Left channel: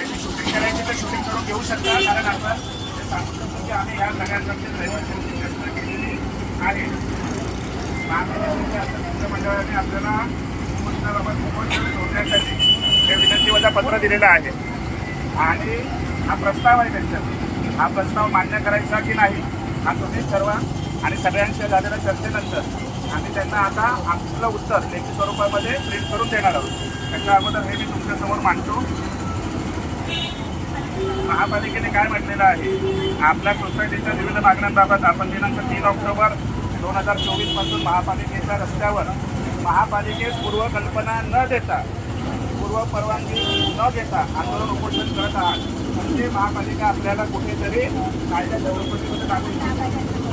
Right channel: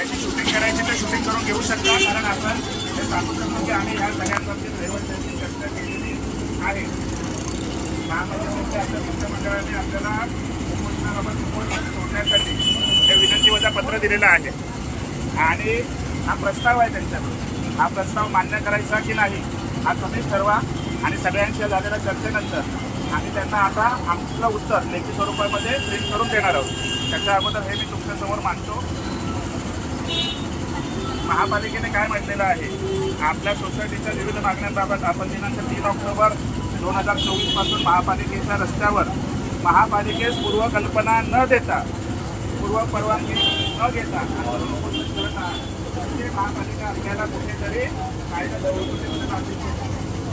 त्याची शूटिंग करायची तर शूटिंग करून घेऊ शकता. कारण आपण ते सांगू शकतो की आम्ही ह्या सगळ्या बाबतीत रहिवाशांची चर्चा केलेली आहे. महापालिकेच्या आता मित्रमंडळाने आपल्याला उपोषणाबाबत उपोषण सोडण्यासाठी हे विनंती वजा पत्र दिलेलं आहे. आणि हा प्रस्ताव आहे त्यांच्याकडून. हा प्रस्ताव मान्य करायचा की नाही हा तुम्हीच ठरवा. आणि सगळ्यांच्या झालेल्या चर्चेनंतर आम्ही त्यांना आता आमचं उत्तर लेखी स्वरूपामध्ये प्रिंट करून देणार आहोत. त्याच्या अगोदर हे मी तुमच्यासमोर मांडतो. महापालिकेने काय म्हटलेलं आहे? आपल्या सोसायटीच्या विविध मागण्यांबाबत आपण दिनांक तीन ऑक्टोबर दोन हजार चोवीसपासून महापालिकेच्या रस्त्यावर महापालिकेस पूर्वकल्पना न देता पूर्व परवानगी न घेता आंदोलन उपोषण करत आहात. म्हणजे महापालिका आपल्याला कुठेतरी कायद्या चौकटीमध्ये टाकू इच्छिते.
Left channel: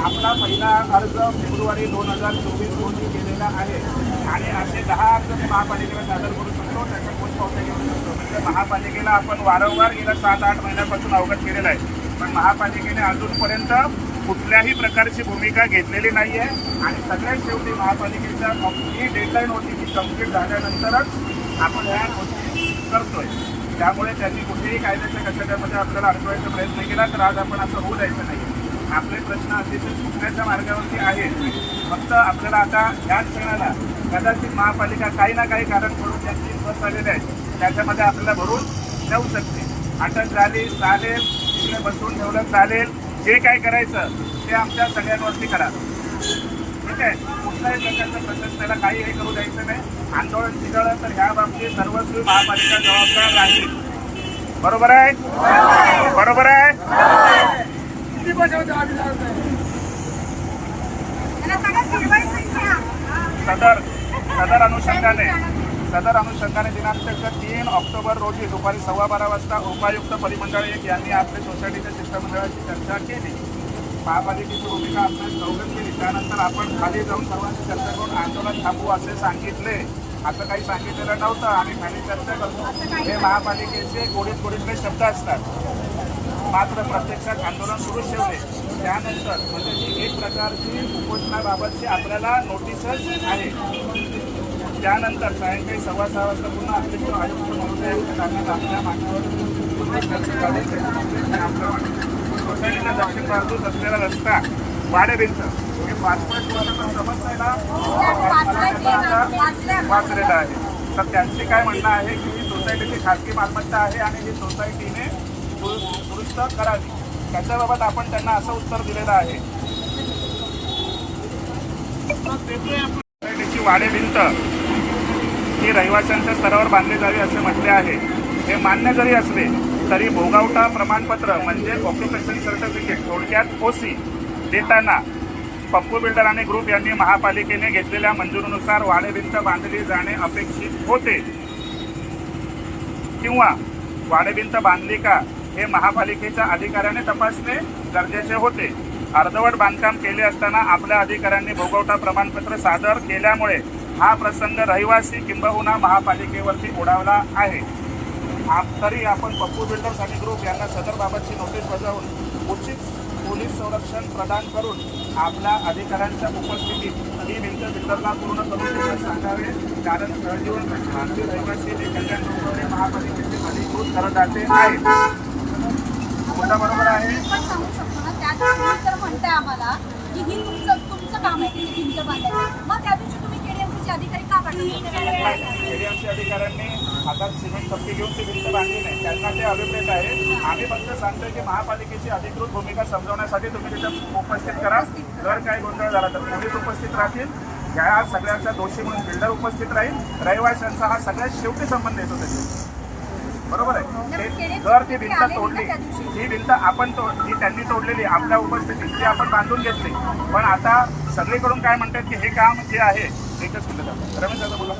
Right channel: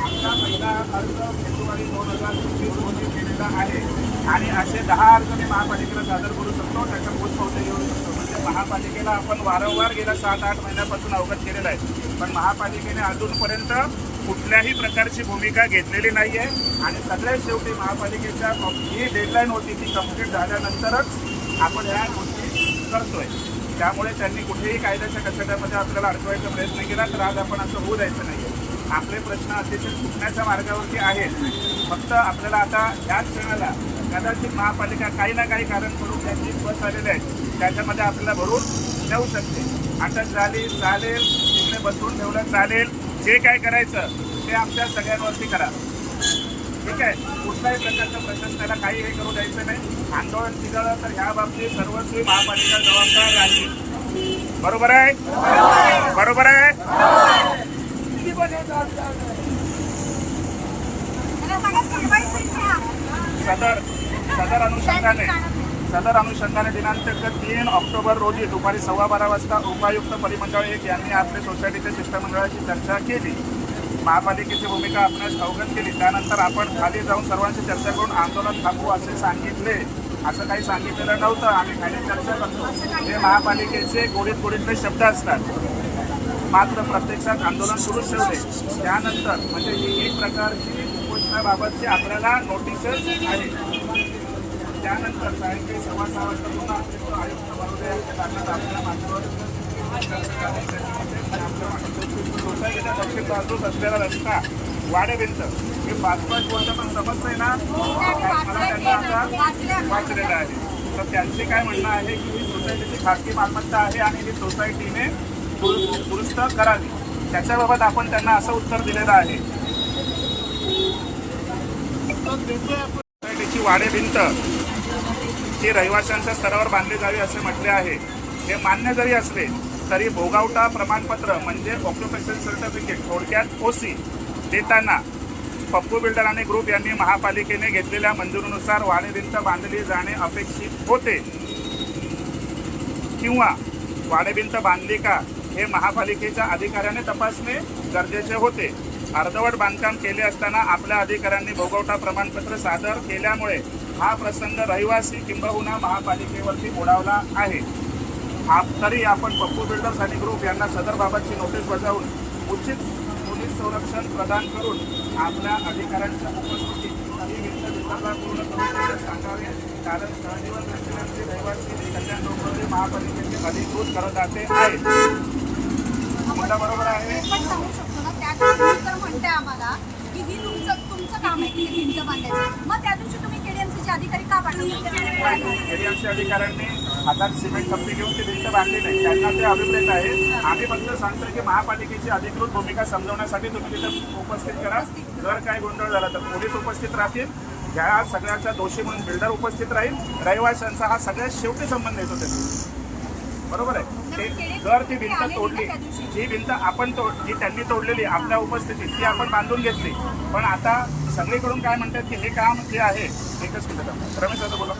आपला पहिला अर्ज फेब्रुवारी दोन हजार चोवीस रोजी केलेला आहे. आणि असे दहा अर्ज महापालिकेला सादर करू शकतो त्याचा पोचपावती घेऊ शकतो. तर महापालिकेला आपण वारंवार गेल्या सात आठ महिन्यापासून अवगत केलेलं आहे. पण महापालिकेने अजूनपर्यंत कुठल्याही प्रकारची भूमिका घेतलेली नाही आहे आणि सगळ्यात शेवटी महापालिकेच्या जी डेडलाईन होती ती कंप्लीट झाल्यानंतरच आपण ह्या गोष्टी करतोय. त्यामुळे त्यांनी कुठेही कायद्याच्या कचड्यामध्ये आपल्याला अडकवायचा प्रयत्न केला तर आज आपण असं होऊ द्यायचं नाही आहे आपले प्रश्न अतिशय सुटण्याच्या मार्गावरती आहेत. फक्त आपल्याला आता ह्याच क्षणाला कदाचित महापालिका काही ना काही कारण करून त्यांची बस आलेले आहेत त्याच्यामध्ये आपल्याला भरून नेऊ शकते. अटक झाली चालेल. तिकडे बसवून ठेवलं चालेल. जे काय करायचं ते आमच्या सगळ्यांवरती करा. ठीक आहे? कुठल्याही प्रकारच्या प्रशासनाला काही हे करू द्यायचं नाही. आंदोलन चिघळलं तर ह्या बाबतीत सर्वस्वी महापालिका जबाबदार राहील. बरोबर आहे? बरोबर आहे? सदर सदर अनुषंगाने. सदर अनुषंगाने दिनांक तीन ऑक्टोबर रोजी दुपारी सव्वा बारा वाजता उपायुक्त परिमंडळ एक यांनी आपल्या सोसायटीच्या शिष्टमंडळाची चर्चा केली. महापालिकेची भूमिका आपल्यास अवगत केली. त्यानंतर आपण खाली जाऊन सर्वांची चर्चा करून आंदोलन थांबवू असे सांगितले. असं काही सांगितलेलं नव्हतं. आम्ही खाली चर्चा करतो. हे महापालिकेचे गोडीत गोडीतले शब्द असतात. मात्र प्रत्यक्षात आंदोलन सुरू ठेवले त्यानंतर म्हणजे ही एक प्रकारची घोषणाबाबतची आपल्याला नोटीसच आहे त्यानंतर सायंकाळी सव्वा सहा वाजता पुन्हा अतिरिक्त आयुक्त महोदयांच्या कारणात आपल्या मागवर सोसायटीच्या दक्षिण बाजूस असलेला रस्ता वाडेबिंच हे पाच पाच वर्षापर्यंत समजतंय ना? मला त्यांना आता वाचलेलं आहे. तर त्यांची काय म्हणणं आहे की ही सोसायटीची खाजगी मालमत्ता आहे आणि ही सोसायटीने दुरुस्त दुरुस्त करावी. त्याच्याबाबत आपण त्यांना असं उत्तर दिलेलं आहे. सोसायटीची वाडे भिंत ही रहिवाशांच्या स्तरावर बांधली जावी असे म्हटले आहे. हे मान्य जरी असले तरी भोगावटा प्रमाणपत्र म्हणजे ऑक्युपेशन सर्टिफिकेट थोडक्यात ओसी देताना पप्पू बिल्डर आणि ग्रुप यांनी महापालिकेने घेतलेल्या मंजुरीनुसार वाडेभिंत बांधली जाणे अपेक्षित होते. किंवा वाडेभिंत बांधली का हे महापालिकेच्या अधिकाऱ्याने तपासणे गरजेचे होते. अर्धवट बांधकाम केले असताना आपल्या अधिकाऱ्यांनी भोगवटा प्रमाणपत्र सादर केल्यामुळे हा प्रसंग रहिवासी किंबहुना महापालिकेवरती ओढावला आहे. तरी आपण पप्पू बिल्डर्स आणि ग्रुप यांना सदर बाबतची नोटीस बजावून उचित पोलीस संरक्षण प्रदान करून आपल्या अधिकाऱ्यांच्या उपस्थितीत ही भिंत बिल्डरला पूर्ण करून सांगावे. कारण सहजीवन प्रश्नांचे रहिवासी हे कल्याण डोंबिवली महापालिकेचे अधिकृत करदाते आहेत. मुद्दा बरोबर आहे? तर म्हणताय आम्हाला की ही तुमचं तुमचं काम आहे की ही भिंत बांधायचं. मग त्या दिवशी तुम्ही केडीएमसीचे अधिकारी का पाठवले? अधिकाऱ्यांनी आता सिमेंट कंपनी घेऊन ती भिंत बांधली नाही. त्यांना ते अभिप्रेत आहेत. आम्ही फक्त सांगतोय की महापालिकेची अधिकृत भूमिका समजवण्यासाठी तुम्ही तिथं उपस्थित करा. जर काय गोंधळ झाला तर पोलीस उपस्थित राहतील. ह्या सगळ्यांचा दोषी म्हणून बिल्डर उपस्थित राहील. रहिवाशांचा हा सगळ्यात शेवटी संबंध येतो त्याचे बरोबर आहे. ते जर ती भिंत तोडली जी भिंत आपण तो जी त्यांनी तोडलेली आपल्या उपस्थितीत ती आपण बांधून घेतली. पण आता सगळीकडून काय म्हणतात की हे काम जे आहे एकच मिनिट. रमेश दादा बोला.